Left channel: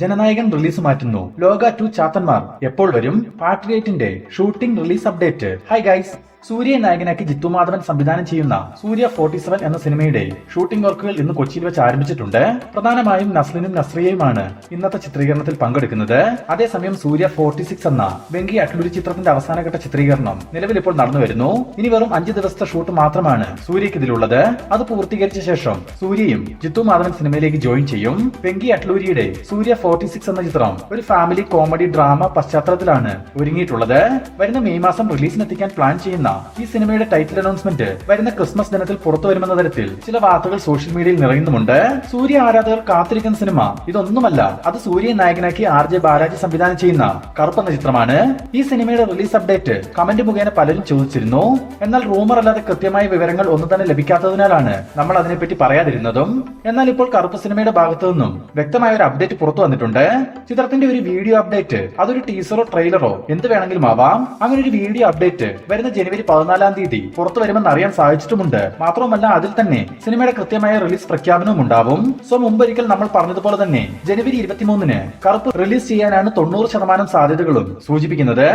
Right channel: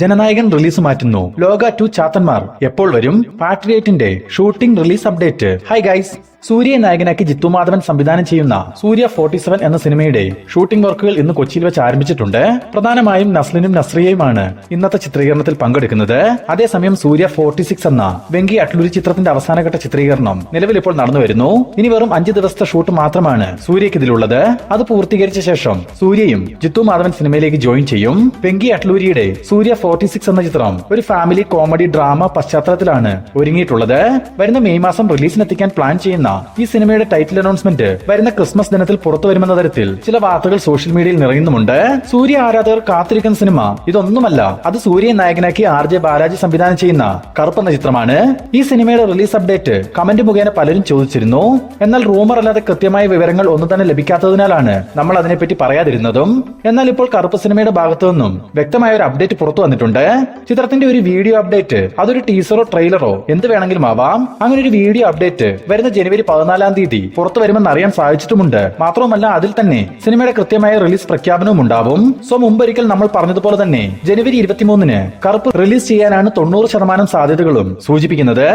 Jananayakan release മാറ്റുന്നു. ലോക 2 ചാത്തന്മാർ എപ്പോൾ വരും? പാട്രിയേറ്റിന്റെ shooting release update. Hi guys, സൂര്യയെ നായകനാക്കി ജിത്തു മാധവൻ സംവിധാനം ചെയ്യുന്ന സൂര്യ 47 എന്ന സിനിമയുടെ ഷൂട്ടിംഗ് വർക്കുകൾ ഇന്ന് കൊച്ചിയിൽ വെച്ച് ആരംഭിച്ചിട്ടുണ്ട്. പ്രധാനമായും നസ്ലിനും നസ്രിയയുമാണ് ഇന്നത്തെ ചിത്രീകരണത്തിൽ പങ്കെടുക്കുന്നത്. അതേസമയം സൂര്യ 46 എന്ന വെങ്കി അട്ലൂരി ചിത്രത്തിന്റെ അവസാനഘട്ട ചിത്രീകരണം നിലവിൽ ഇപ്പോൾ നടന്നു വരുന്നു. ഇനി വെറും 5 ദിവസത്തെ ഷൂട്ട് മാത്രമാണ് സൂര്യയ്ക്ക് ഇതിലുള്ളത്. അത് പൂർത്തീകരിച്ച ശേഷം സൂര്യയും ജിത്തു മാധവൻ സിനിമയിലേക്ക് ജോയിൻ ചെയ്യും. വെങ്കി അട്ലൂരിയുടെ സൂര്യ 46 എന്ന ചിത്രം ഒരു ഫാമിലി കോമഡി ഡ്രാമ പശ്ചാത്തലത്തിലാണ് ഒരുങ്ങിയിട്ടുള്ളത്. വരുന്ന മെയ് മാസം റിലീസിനെത്തിക്കാൻ പ്ലാൻ ചെയ്യുന്ന ഈ സിനിമയുടെ ടൈറ്റിൽ അനൗൺസ്മെന്റ് വരുന്ന ക്രിസ്മസ് ദിനത്തിൽ പുറത്തു വരുമെന്ന തരത്തിൽ ചില വാർത്തകൾ സോഷ്യൽ മീഡിയയിൽ നിറയുന്നുമുണ്ട്. സൂര്യ ആരാധകർ കാത്തിരിക്കുന്ന സിനിമ ഇതൊന്നുമല്ല. അത് സൂര്യയെ നായകനാക്കി RJ ബാലാജി സംവിധാനം ചെയ്യുന്ന കറുപ്പ് എന്ന ചിത്രമാണ്. ഈ സിനിമയുടെ റിലീസ് അപ്ഡേറ്റ് കമന്റ് മുഖേന പലരും ചോദിച്ചിരുന്നു. എന്നാൽ റൂമർ അല്ലാതെ കൃത്യമായ വിവരങ്ങൾ ഒന്നും തന്നെ ലഭിക്കാത്തതിനാലാണ് നമ്മൾ അതിനെപ്പറ്റി പറയാതിരുന്നതും. എന്നാൽ ഇപ്പോൾ കറുപ്പ് സിനിമയുടെ ഭാഗത്തു നിന്നും വ്യക്തമായ ഒരു അപ്ഡേറ്റ് പുറത്തു വന്നിട്ടുണ്ട്. ചിത്രത്തിന്റെ ഒരു വീഡിയോ അപ്ഡേറ്റ്, അതൊരു ടീസറോ ട്രെയിലറോ എന്ത് വേണമെങ്കിലും ആവാം. അങ്ങനെ ഒരു വീഡിയോ അപ്ഡേറ്റ് വരുന്ന ജനുവരി 14-ാം തീയതി പുറത്തു വരുമെന്ന് അറിയാൻ സാധിച്ചിട്ടുമുണ്ട്. മാത്രവുമല്ല അതിൽ തന്നെ സിനിമയുടെ കൃത്യമായ റിലീസ് പ്രഖ്യാപനവും ഉണ്ടാവും. സോ മുമ്പൊരിക്കൽ നമ്മൾ പറഞ്ഞതുപോലെ തന്നെ ജനുവരി 23-ന് കറുപ്പ് റിലീസ് ചെയ്യാനാണ് 90% സാധ്യതകളും സൂചിപ്പിക്കുന്നത്.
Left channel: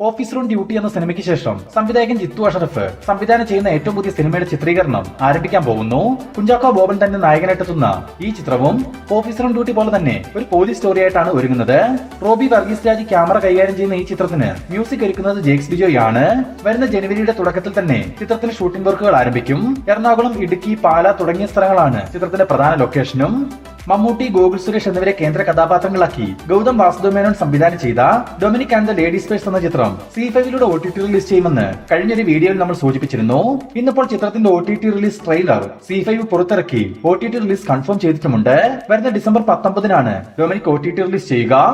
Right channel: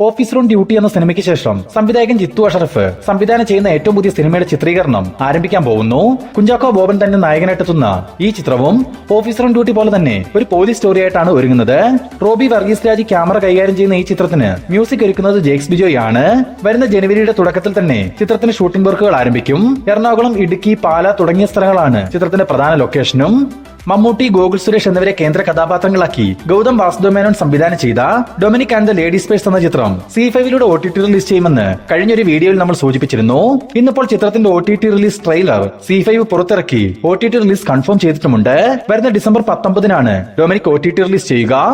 ഓഫീസർ ഓൺ ഡ്യൂട്ടി എന്ന സിനിമയ്ക്ക് ശേഷം സംവിധായകൻ ജിത്തു അഷറഫ് സംവിധാനം ചെയ്യുന്ന ഏറ്റവും പുതിയ സിനിമയുടെ ചിത്രീകരണം ആരംഭിക്കാൻ പോകുന്നു. കുഞ്ചാക്കോ ബോബൻ തന്നെ നായകനായിട്ടെത്തുന്ന ഈ ചിത്രവും ഓഫീസർ ഓൺ ഡ്യൂട്ടി പോലെ തന്നെ ഒരു പോലീസ് സ്റ്റോറി ആയിട്ടാണ് ഒരുങ്ങുന്നത്. റോബി വർഗീസ് രാജ് ക്യാമറ കൈകാര്യം ചെയ്യുന്ന ഈ ചിത്രത്തിന് മ്യൂസിക് ഒരുക്കുന്നത് ജേക്സ് ബിജോയ് ആണ്. വരുന്ന ജനുവരിയുടെ തുടക്കത്തിൽ തന്നെ ചിത്രത്തിന് ഷൂട്ടിംഗ് വർക്കുകൾ ആരംഭിക്കും. എറണാകുളം, ഇടുക്കി, പാല തുടങ്ങിയ സ്ഥലങ്ങളാണ് ചിത്രത്തിന്റെ പ്രധാന ലൊക്കേഷനും. മമ്മൂട്ടി, ഗോകുൽ സുരേഷ് എന്നിവരെ കേന്ദ്ര കഥാപാത്രങ്ങളാക്കി ഗൗതം വാസുദേവമേനോൻ സംവിധാനം ചെയ്ത Dominic and the ladies purse എന്ന ചിത്രം C5-ലൂടെ OTT റിലീസ് ചെയ്യുമെന്ന് കഴിഞ്ഞൊരു വീഡിയോയിൽ നമ്മൾ സൂചിപ്പിച്ചിരുന്നു. ഇന്നിപ്പോൾ ചിത്രത്തിന്റെ OTT റിലീസ് ട്രെയിലർ C5 പുറത്തിറക്കി OTT റിലീസ് കൺഫേം ചെയ്തിട്ടുമുണ്ട്. വരുന്ന ഡിസംബർ 19-നാണ് ഡൊമിനിക് OTT റിലീസ് ചെയ്യുക.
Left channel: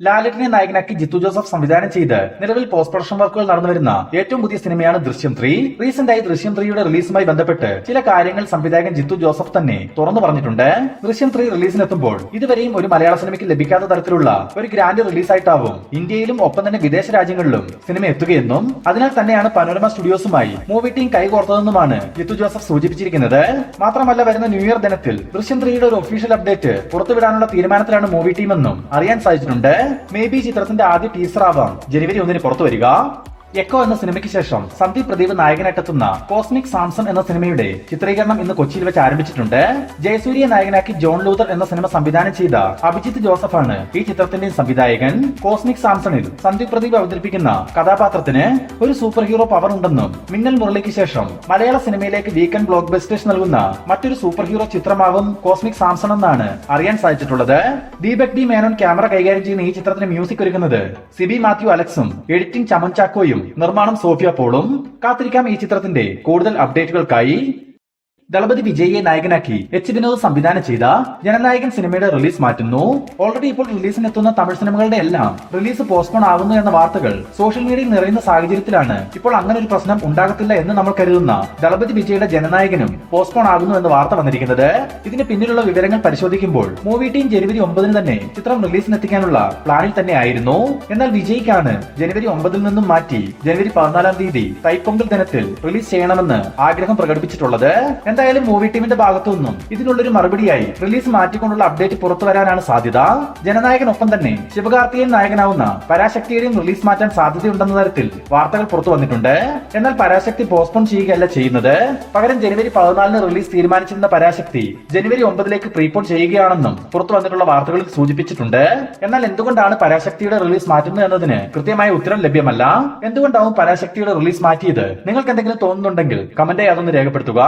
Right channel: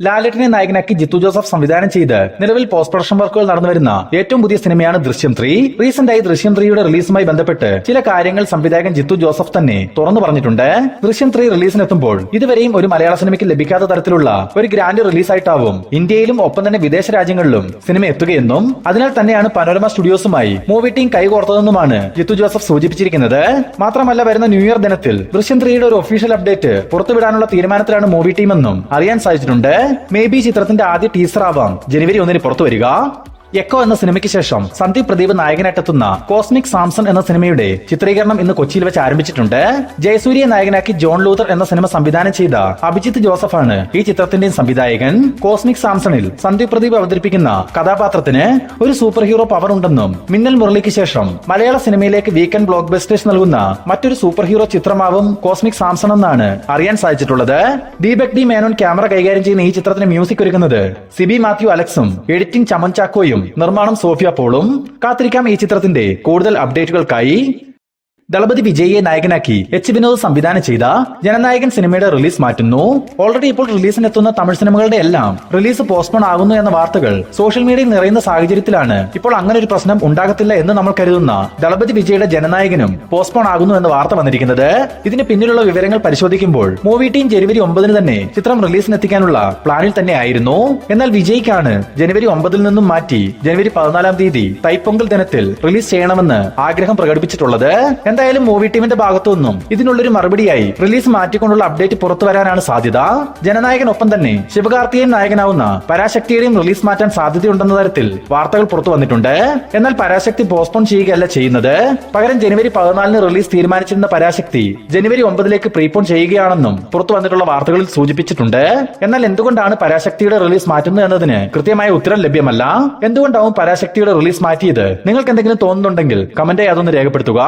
ലാലേട്ടനെ നായകനാക്കി ജിത്തു ജോസഫ് സംവിധാനം ചെയ്ത് നിലവിൽ പോസ്റ്റ് പ്രൊഡക്ഷൻ വർക്കുകൾ നടന്നുവരുന്ന ഏറ്റവും പുതിയ സിനിമയാണ് ദൃശ്യം 3. റീസെന്റായി ദൃശ്യം 3യുടെ റിലീസുമായി ബന്ധപ്പെട്ട് ചില കാര്യങ്ങൾ സംവിധായകൻ ജിത്തു ജോസഫ് തന്നെ തുറന്നു പറഞ്ഞിട്ടുണ്ട്. ദൃശ്യം 3 റിലീസിനെത്തുമ്പോൾ ഇതുവരെയും ഒരു മലയാള സിനിമയ്ക്ക് ലഭിക്കാത്ത തരത്തിലുള്ള ഒരു ഗ്രാൻഡ് റിലീസായിട്ടാവും ഇന്ത്യയിലും ഒപ്പം തന്നെ വിദേശ രാജ്യങ്ങളിലും സിനിമ എത്തുകയെന്നും അതിനാൽ തന്നെയാണ് പനോരമ സ്റ്റുഡിയോസുമായി മൂവി ടീം കൈകോർത്തതെന്നുമാണ് ജിത്തു ജോസഫ് സൂചിപ്പിച്ചിരിക്കുന്നത്. മാത്രമല്ല വരുന്ന ന്യൂ ഇയർ ദിനത്തിൽ ദൃശ്യം 3യുടെ ഒരു ഒഫീഷ്യൽ അപ്ഡേറ്റ് പുറത്തുവിടാനുള്ള തീരുമാനത്തിലാണ് മൂവി ടീം എന്നും അറിയാൻ സാധിച്ചിട്ടുണ്ട്. മേ ബി ചിത്രത്തിന്റെ ആദ്യ ടീസർ ആവാം ജനുവരി 1-ന് പുറത്തു വരിക. എക്കോ എന്ന സിനിമയ്ക്ക് ശേഷം സന്ദീപ് പ്രദീപ് നായകനായിട്ടെത്തുന്ന കോസ്മിക് സാംസൺ എന്ന സിനിമയുടെ ചിത്രീകരണം ഇന്ന് കൊച്ചിയിൽ വെച്ച് ആരംഭിച്ചിട്ടുണ്ട്. ജയസൂര്യയെ നായകനാക്കി ജോൺ ലൂതർ എന്ന സിനിമ സംവിധാനം ചെയ്ത അഭിജിത്ത് ജോസഫാണ് ഈ ചിത്രത്തിന്റെ സംവിധായകൻ. കോസ്മിക് സാംസണിൽ സന്ദീപ് പ്രദീപ് അവതരിപ്പിക്കുന്ന കഥാപാത്രത്തിന് ഒരു സൂപ്പർ ഹീറോ പവർ ഉണ്ടെന്നും മിന്നൽ മുരളിക്ക് ശേഷം മലയാള സിനിമയിലേക്ക് വീക്കെൻഡ് ബ്ലോക്ക് ബസ്റ്റേഴ്സ് നൽകുന്ന മറ്റൊരു സൂപ്പർ ഹീറോ ചിത്രമാവും കോസ്മിക് സാംസൺ എന്നാണ് അറിയാൻ സാധിച്ചിട്ടുള്ളത്. ദീപക് ഡി മേനോൻ ക്യാമറ കൈകാര്യം ചെയ്യുന്ന ഈ ചിത്രത്തിന് മ്യൂസിക് ഒരുക്കുന്നത് സിബി മാത്യു അലക്സും എഡിറ്റിംഗ് ചമൻ ചാക്കോയും നിർമ്മാണം സോഫിയ പോളും. കാത്തിരിക്കാം ഈ ചിത്രത്തിന്റെ കൂടുതൽ അപ്ഡേറ്റുകൾക്കായി. ദളപതി വിജയിയെ നായകനാക്കി വിനോദ് സംവിധാനം ചെയ്ത ജനനായകൻ സിനിമയുടെ റിലീസ് മാറ്റുന്നു. ഓൾറെഡി ഇപ്പോൾ റിലീസിനെത്തുന്ന തമിഴ് സിനിമകളുടെ എല്ലാം റിലീസ് പോസ്റ്റ്പോൺ ആകുന്നു എന്ന വാർത്തകൾ സോഷ്യൽ മീഡിയയിൽ നിറയുന്ന സാഹചര്യത്തിലാണ് ഇപ്പോൾ അങ്ങനെ ഒരു പ്രശ്നം ഉണ്ടാകത്തില്ല എന്ന് നമ്മൾ കരുതുന്ന ദളപതി വിജയുടെ ജനനായകനും പോസ്റ്റ്പോൺ ആകുന്നു എന്ന വാർത്ത വന്നിരിക്കുന്നത്. ഇതിന് പിന്നിലുള്ള വിവരങ്ങൾ പരിശോധിക്കുമ്പോൾ മൂവി ടീം ജനുവരി 9-ന് തന്നെ ചിത്രം റിലീസിനെത്തിക്കാനുള്ള പ്ലാനിൽ തന്നെ ആയിരുന്നു. എന്നാൽ വിജയ്ക്കാണ് ജനുവരി 9-ൽ നിന്നും മാറ്റി ജനുവരി 14-ാം തീയതി തൈപ്പൊങ്കൽ ദിനത്തിൽ റിലീസ് ചെയ്യണമെന്ന് ആഗ്രഹം പ്രകടിപ്പിച്ചിട്ടുള്ളത്. എന്തായാലും മൂവി ടീമിന്റെ ഭാഗത്തു നിന്നും ഇതിനുള്ളൊരു മറുപടിയായി റിലീസ് മാറ്റിക്കൊണ്ടുള്ള അപ്ഡേറ്റ് പുറത്തു വരാനാണ് സാധ്യത. ജനനായകനൊപ്പം തന്നെ ശിവകാർത്തികേയൻ നായകനാവുന്ന പരാശക്തിയുടെയും റിലീസ് മാറ്റാൻ സാധ്യതയുണ്ടെന്ന തരത്തിൽ വാർത്തകൾ പുറത്തു വന്നിട്ടുണ്ട്. എന്നാൽ പരാശക്തി പോസ്റ്റ്പോൺ ചെയ്യുകയല്ല ചെയ്യുന്നത്. പകരം ജനുവരി 14-ന് റിലീസ് തീരുമാനിച്ചിരുന്ന പരാശക്തി ജനുവരി 9-ലേക്ക് പ്രീപോൺ ചെയ്യുകയാണെന്നും പുറത്തു വന്നിട്ടുള്ള വാർത്തകളിൽ സൂചിപ്പിച്ചിട്ടുണ്ട്. എന്നാൽ എന്തുകൊണ്ടാണ് പരാശക്തിയുടെ റിലീസ് മാറ്റുന്നത് എന്നതിന് കൃത്യമായ ഉത്തരം ലഭ്യമല്ല. എന്തുകൊണ്ടാവും പരാശക്തിയുടെ റിലീസ് മാറ്റിയത്? നിങ്ങൾക്ക് എന്തെങ്കിലും തോന്നുന്നുണ്ടെങ്കിൽ കമന്റായി അതൊന്ന് രേഖപ്പെടുത്തുക.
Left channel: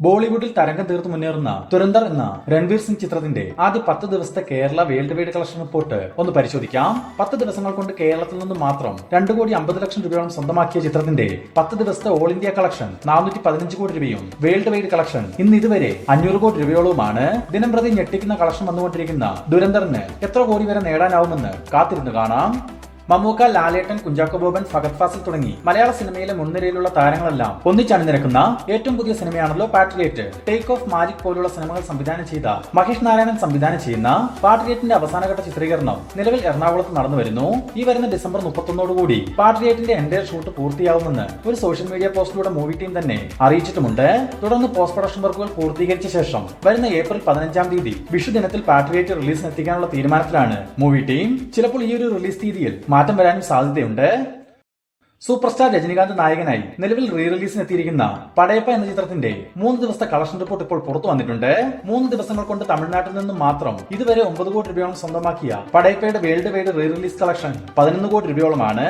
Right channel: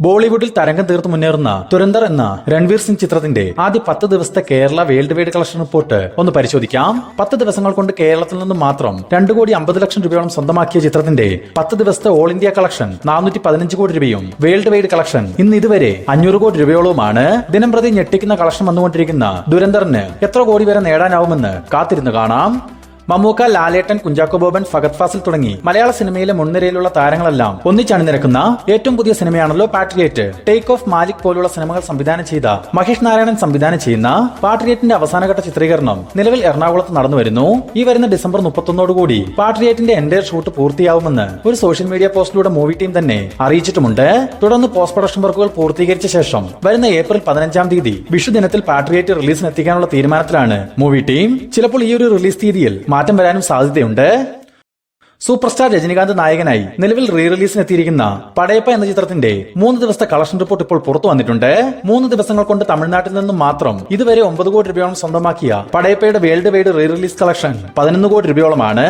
ബോളിവുഡിൽ തരംഗം തീർത്ത് മുന്നേറുന്ന തുരന്തർ എന്ന രൺവീർ സിംഗ് ചിത്രത്തിന്റെ ആദ്യ 10 ദിവസത്തെ Kerala world wide collection report ഒന്ന് പരിശോധിക്കാം. 10 ദിവസങ്ങൾ കൊണ്ട് കേരളത്തിൽ നിന്നും മാത്രം 2,50,00,000 രൂപയോളം സ്വന്തമാക്കിയ ചിത്രത്തിന്റെ 10 ദിവസത്തെ ഓൾ ഇന്ത്യ കളക്ഷൻ 415 കോടി രൂപയും വേൾഡ് വൈഡ് കളക്ഷൻ ഇന്ന് ഇതുവരെ 500 കോടി രൂപയോളവുമാണ്. ദിനം പ്രതി ഞെട്ടിക്കുന്ന കളക്ഷൻ വന്നുകൊണ്ടിരിക്കുന്ന ദുരന്തറിന് എത്ര കോടി വരെ നേടാനാവുമെന്ന് കാത്തിരുന്ന് കാണാം. മമ്മൂക്ക, ലാലേട്ടൻ, കുഞ്ചാക്കോ ബോബൻ, ഫഹദ് ഫാസിൽ തുടങ്ങി മലയാള സിനിമയിലെ മുൻനിരയിലുള്ള താരങ്ങളെല്ലാം ഒന്നിച്ചണിനിരക്കുന്ന ഏറ്റവും പുതിയ സിനിമയാണല്ലോ പാട്രിയേറ്റ്. ടേക്ക് ഓഫ്, മാലിക് പോലുള്ള സിനിമകൾ സംവിധാനം ചെയ്ത മഹേഷ് നാരായണൻ സംവിധാനം ചെയ്യുന്ന പാട്രിയേറ്റിന്റെ അവസാനഘട്ട ചിത്രീകരണം നിലവിൽ എറണാകുളത്ത് നടന്നുവരുന്നു. ഈ വരുന്ന ഡിസംബർ 31 പാട്രിയേറ്റിന്റെ എൻഡയർ ഷൂട്ട് പൂർത്തിയാവുമെന്ന് ഒരു സോഷ്യൽ മീഡിയ പോസ്റ്റിലൂടെ മൂവി ടീം തന്നെ അറിയിച്ചിട്ടുമുണ്ട്. തുടർന്ന് പോസ്റ്റ് പ്രൊഡക്ഷൻ വർക്കുകൾ പൂർത്തീകരിച്ച ശേഷം വരുന്ന ഏപ്രിൽ 15 വിഷു ദിനത്തിൽ പാട്രിയേറ്റ് റിലീസിന് എത്തിക്കാനുള്ള തീരുമാനത്തിലാണ് മൂവി ടീം. ചിലപ്പോൾ ഈ ഒരു റിലീസ് തീയതിയിൽ മാറ്റം വരാനും സാധ്യതയുണ്ട്. സൂപ്പർ സ്റ്റാർ രജനികാന്ത് നായകനായി നിലവിൽ റീ റിലീസിന് എത്തിയിരിക്കുന്ന പടയപ്പ എന്ന ചിത്രത്തിന്റെ 3 ദിവസത്തെ കളക്ഷൻ റിപ്പോർട്ട് ഇപ്പോൾ പുറത്തു വന്നിട്ടുണ്ട്. 3 ദിവസങ്ങൾ കൊണ്ട് തമിഴ്നാട്ടിൽ നിന്നും മാത്രം ഇതുവരെ 9 കോടി രൂപയോളം സ്വന്തമാക്കിയ പടയപ്പയുടെ world wide re release collection 11 കോടി രൂപയോളമാണ്.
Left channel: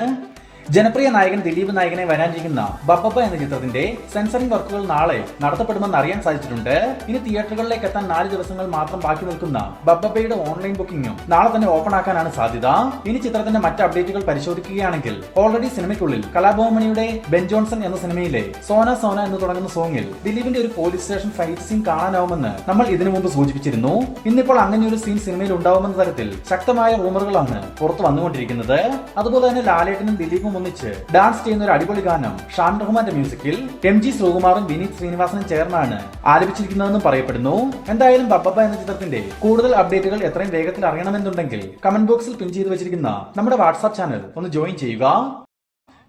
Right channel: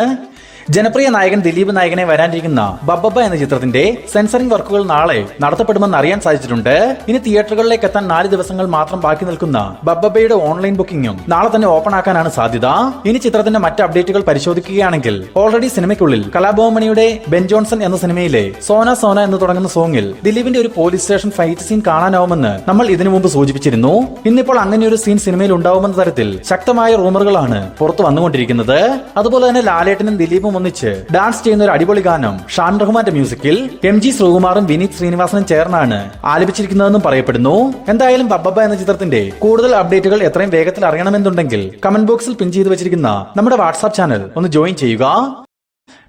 ജനപ്രിയ നായകൻ ദിലീപ് നായകനെ വരാനിരിക്കുന്ന ബബ്ബബ്ബ എന്ന ചിത്രത്തിന്റെ സെൻസറിംഗ് വർക്കുകൾ നാളെ നടത്തപ്പെടുമെന്ന് അറിയാൻ സാധിച്ചിട്ടുണ്ട്. ഇനി തിയേറ്ററുകളിലേക്ക് എത്താൻ 4 ദിവസങ്ങൾ മാത്രം ബാക്കി നിൽക്കുന്ന ബബ്ബബ്ബയുടെ ഓൺലൈൻ ബുക്കിംഗും നാളെ തന്നെ ഓപ്പൺ ആക്കാനാണ് സാധ്യത. ഇനി ചിത്രത്തിന്റെ മറ്റ് അപ്ഡേറ്റുകൾ പരിശോധിക്കുകയാണെങ്കിൽ ഓൾറെഡി സിനിമയ്ക്കുള്ളിൽ കലാഭവമണിയുടെ ബെൻ ജോൺസൺ എന്ന സിനിമയിലെ സോന സോന എന്ന് തുടങ്ങുന്ന സോങ്ങിൽ ദിലീപിന്റെ ഒരു പോലീസ് സ്റ്റേഷൻ ഫൈറ്റ് സീൻ കാണാനാവുമെന്ന് നമ്മൾ ഇതിനു മുമ്പ് സൂചിപ്പിച്ചിരുന്നു. ഇന്നിപ്പോൾ അങ്ങനെ ഒരു സീൻ സിനിമയിൽ ഉണ്ടാവുമെന്ന തരത്തിൽ ശക്തമായ റൂമറുകളാണ് പുറത്തു വന്നുകൊണ്ടിരിക്കുന്നത്. അതുപോലെ തന്നെ ലാലേട്ടനും ദിലീപും ഒന്നിച്ച് ഡാൻസ് ചെയ്യുന്ന ഒരു അടിപൊളി ഗാനം ഷാൻ റഹ്മാന്റെ മ്യൂസിക്കിൽ MG ശ്രീകുമാറും വിനീത് ശ്രീനിവാസനും ചേർന്നാണ് ആലപിച്ചിരിക്കുന്നതെന്നും പറയപ്പെടുന്നു. എന്തായാലും ബബ്ബബ്ബ എന്ന ചിത്രത്തിന്റെ കൂടുതൽ അപ്ഡേറ്റുകൾ എത്രയും വേഗത്തിൽ അറിയണമെന്നുണ്ടെങ്കിൽ കമന്റ് ബോക്സിൽ പിൻ ചെയ്തു വെച്ചിരിക്കുന്ന നമ്മുടെ വാട്സ്ആപ്പ് ചാനൽ ഒന്ന് ജോയിൻ ചെയ്യുക.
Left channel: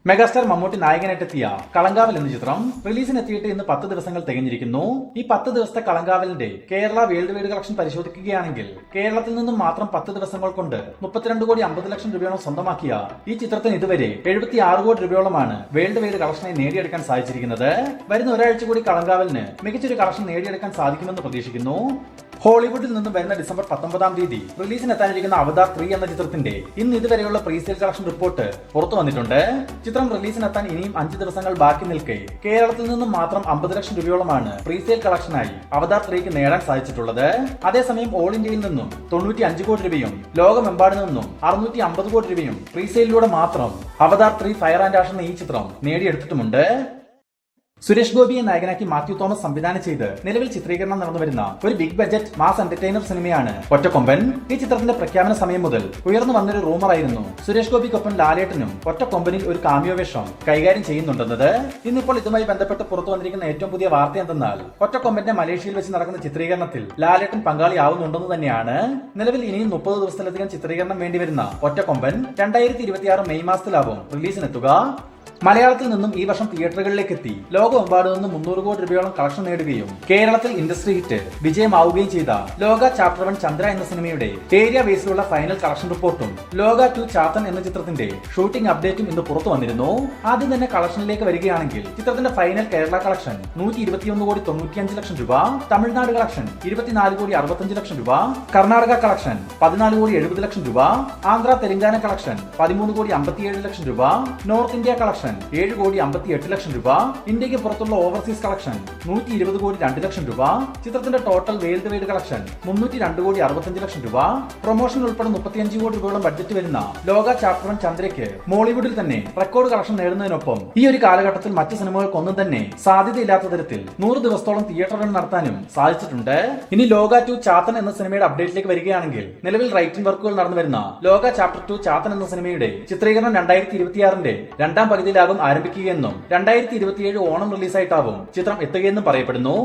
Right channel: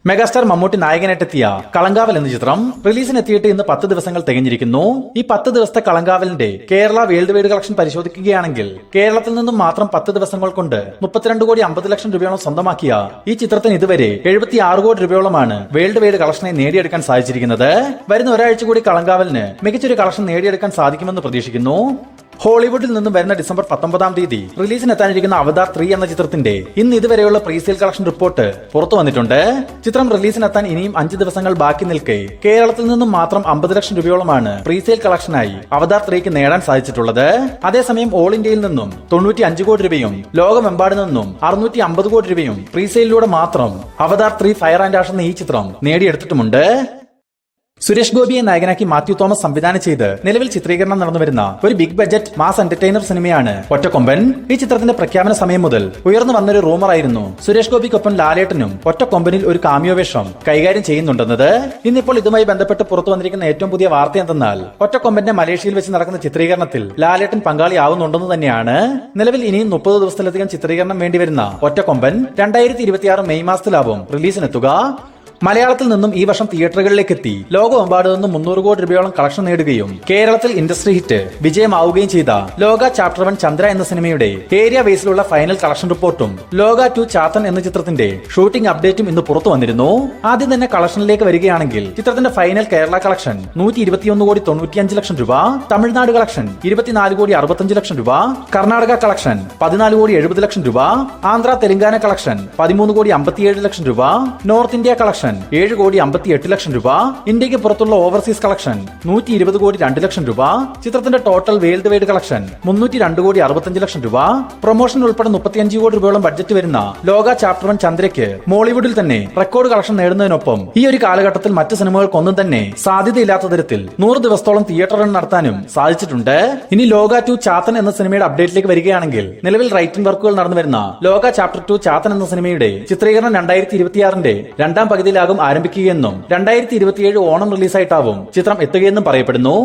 മെഗാസ്റ്റാർ മമ്മൂട്ടി നായകനായിട്ടെത്തിയ കളങ്കാവൽ എന്ന ചിത്രം റിലീസിനെത്തിയിട്ട് ഇന്ന് 10 ദിവസങ്ങൾ തികഞ്ഞിരിക്കുന്നു. ഈ 10 ദിവസത്തെ കളങ്കാവലിന്റെ കേരള വേൾഡ് വൈഡ് കളക്ഷൻ പരിശോധിക്കുകയാണെങ്കിൽ കേരളത്തിൽ നിന്നും മാത്രം 10 ദിവസങ്ങൾ കൊണ്ട് 32 കോടി 50 ലക്ഷം രൂപയോളം സ്വന്തമാക്കിയ ഈ ചിത്രത്തിന് ഇതുവരെ 76 കോടി രൂപയോളമാണ് വേൾഡ് വൈഡ് കളക്ഷനായി നേടിയെടുക്കാൻ സാധിച്ചിരിക്കുന്നത്. വരുന്ന ഒരാഴ്ച കൂടി കളങ്കാവലിന് മികച്ചൊരു കളക്ഷൻ നേടിയെടുക്കാൻ സാധിക്കുമെന്ന് പ്രതീക്ഷിക്കുന്നു. ഹോളിവുഡിൽ നിന്നും വരുന്ന ഡിസംബർ 19 റിലീസിനെത്താനിരിക്കുന്ന അവതാർ 3 എന്ന ചിത്രത്തിന്റെ ഇന്ന് ഇതുവരെയുള്ള പ്രീസെയിൽ കളക്ഷൻ റിപ്പോർട്ട് പുറത്തു വന്നിട്ടുണ്ട്. ചിത്രം റിലീസിനെത്താൻ ഇനിയും 5 ദിവസങ്ങൾ ബാക്കി നിൽക്കെ കേരളത്തിൽ നിന്നും മാത്രം 50 ലക്ഷം രൂപയോളമാണ് പ്രീസെയിൽ കളക്ഷനായി അവതാർ 3ക്ക് നേടാൻ സാധിച്ചിട്ടുള്ളത്. അതേസമയം ഓൾ ഇന്ത്യയിൽ നിന്നും 95 കോടി രൂപയും ലോകമെമ്പാട് നിന്നും 650 കോടി രൂപയും പ്രീസെയിലൂടെ മാത്രം അവതാർ 3 ഫയർ ആൻഡ് ആഷ് എന്ന ഈ ചിത്രം നേടിയെടുത്തിട്ടുമുണ്ട്. സുരേഷ് ഗോപിയെ നായകനാക്കി മാത്യു തോമസ് സംവിധാനം ചെയ്ത് നിലവിൽ ചിത്രീകരണം നടന്നുവരുന്ന ഒരു ബിഗ് ബഡ്ജറ്റ് മാസ് എന്റർടൈനർ സിനിമയാണ് ഒറ്റക്കൊമ്പൻ. ഈ ചിത്രത്തിന്റെ പ്രഖ്യാപന സമയം മുതൽ ഉയർന്നു വന്നൊരു റൂമറായിരുന്നു സുരേഷ് ഗോപിക്കൊപ്പം ലാലേട്ടനും ഒറ്റക്കൊമ്പനിൽ ഒരു കാമിയോ വേഷം കൈകാര്യം ചെയ്യുന്നുണ്ടെന്നത്. ഇന്നിപ്പോൾ ഇതുമായി ബന്ധപ്പെട്ട് പുറത്തു വന്നിരിക്കുന്ന ഏറ്റവും പുതിയ വാർത്ത എന്തെന്നാൽ ഒറ്റക്കൊമ്പന്റെ മലേഷ്യയിൽ വെച്ച് നടക്കുന്ന ചിത്രീകരണത്തിൽ ലാലേട്ടൻ പങ്കാളിയാവുന്നുണ്ടെന്ന് തന്നെയാണ്. നിലവിൽ ഇനിയും 30 ദിവസത്തിലധികം ചിത്രീകരണം വേണ്ടിവരുന്ന ഒറ്റക്കൊമ്പൻ 2026 മെയ് മാസത്തിലാവും റിലീസിനെത്തുക. മലയാളത്തിൽ നിന്നും ഈ വർഷം തിയേറ്ററുകളിലേക്ക് എത്തി ലോകമെമ്പാട് നിന്നും 300 കോടി രൂപയോളം കളക്ഷൻ നേടുകയും കേരളത്തിൽ ഇൻഡസ്ട്രി ഹിറ്റ് വിജയമാവുകയും ചെയ്ത ലോക ചാപ്റ്റർ 1 ചന്ദ്ര എന്ന സിനിമയുടെ ഏരിയ ബേസിലുള്ള ഫൈനൽ കളക്ഷൻ റിപ്പോർട്ടും ലോക 2 ചാത്തൻ എന്ന ചിത്രത്തിന്റെ ഷൂട്ടിംഗ് അപ്ഡേറ്റും ഇന്ന് പുറത്തു വന്നിരുന്നു. ആദ്യം തന്നെ കളക്ഷനിലേക്ക് വരികയാണെങ്കിൽ ചിത്രത്തിന്റെ ഫൈനൽ കേരള കളക്ഷൻ 121 കോടി 95 ലക്ഷം രൂപ, തമിഴ്നാട് കളക്ഷൻ 24 കോടി 65 ലക്ഷം രൂപ, കർണാടക കളക്ഷൻ 14 കോടി 70 ലക്ഷം രൂപ, ആന്ധ്ര തെലങ്കാന കളക്ഷൻ 13 കോടി 57 ലക്ഷം രൂപ, നോർത്ത് ഇന്ത്യ കളക്ഷൻ 7 കോടി 58 ലക്ഷം രൂപ, ഇന്ത്യക്ക് പുറത്തുള്ള ഓവർസീസ് കളക്ഷൻ 120 കോടി 2 ലക്ഷം രൂപ, ചിത്രത്തിന്റെ ടോട്ടൽ വേൾഡ് വൈഡ് കളക്ഷൻ 302 കോടി 65 ലക്ഷം രൂപ, പ്രൊമോഷൻ ഉൾപ്പെടെ 35 കോടി രൂപയോളം ബഡ്ജറ്റ് വരുന്ന ലോക ചാപ്റ്റർ 1 ചന്ദ്രയ്ക്ക് മോളിവുഡിൽ തന്നെ റെക്കോർഡ് കളക്ഷൻ നേടുന്നതിനൊപ്പം ഈ ഒരു കാലഘട്ടത്തിൽ മറ്റ് സിനിമകൾക്കൊന്നും തന്നെ സാധ്യതയില്ലാത്ത തരത്തിൽ 100 ദിവസത്തോളം തിയേറ്റർ റൺ നടത്താനും സാധിച്ചിട്ടുണ്ട്. ഇനി ലോക 2 ചാത്തൻ എന്ന സിനിമയുടെ അപ്ഡേറ്റിലേക്ക് വരികയാണെങ്കിൽ നിലവിൽ റൈറ്റിംഗ് വർക്കുകൾ നടന്നു വരുന്ന ലോക ചാപ്റ്റർ 2 ചാത്തൻ എന്ന സിനിമയുടെ ചിത്രീകരണം 2026 രണ്ടാം പകുതിയിലാകും ആരംഭിക്കുകയെന്നും 2027 ഓണം റിലീസായിട്ടാവും ചിത്രം എത്തുകയെന്നും പറയപ്പെടുന്നു.